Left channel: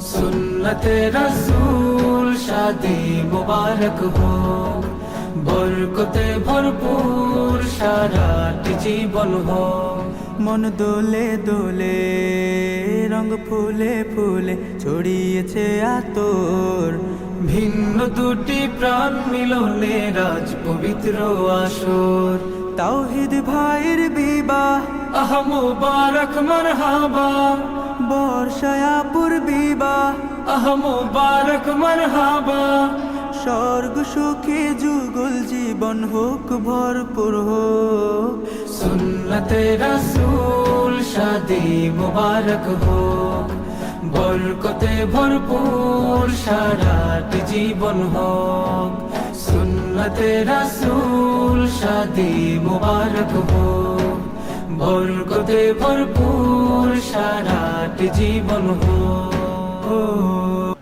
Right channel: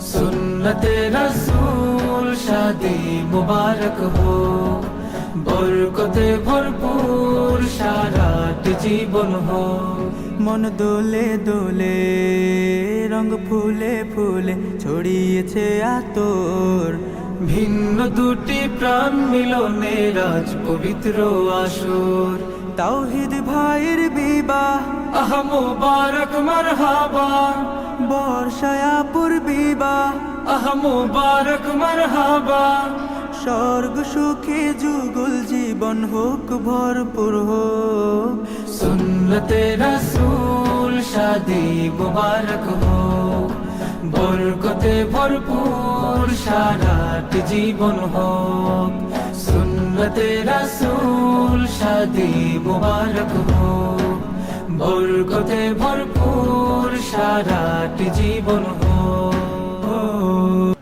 সুন্নতে রসূল শাদি মুবারক हो, বরকতে ভরপুর সারাটি জীবন हो। মন দোলে দোলে, রং ফুলে ফুলে ছড়িয়েছে আতর। ভিন্ন দুটি প্রাণ মিলনে রাজ পবিত্র আসর। তাওহীদ ভাইয়ের বিবাহ, আহ মুবারক মারহাবা, বর্ষায়াপুর বিবাহ, আহ মুবারক মারহাবা। স্বর্গ সুখে যুগল জীবন হোক ভরপুর হোক। সুন্নতে রসূল শাদি মুবারক हो, বরকতে ভরপুর সারাটি জীবন হোক। সুন্নতে রসূল শাদি মুবারক हो, বরকতে ভরপুর সারাটি জীবন হোক।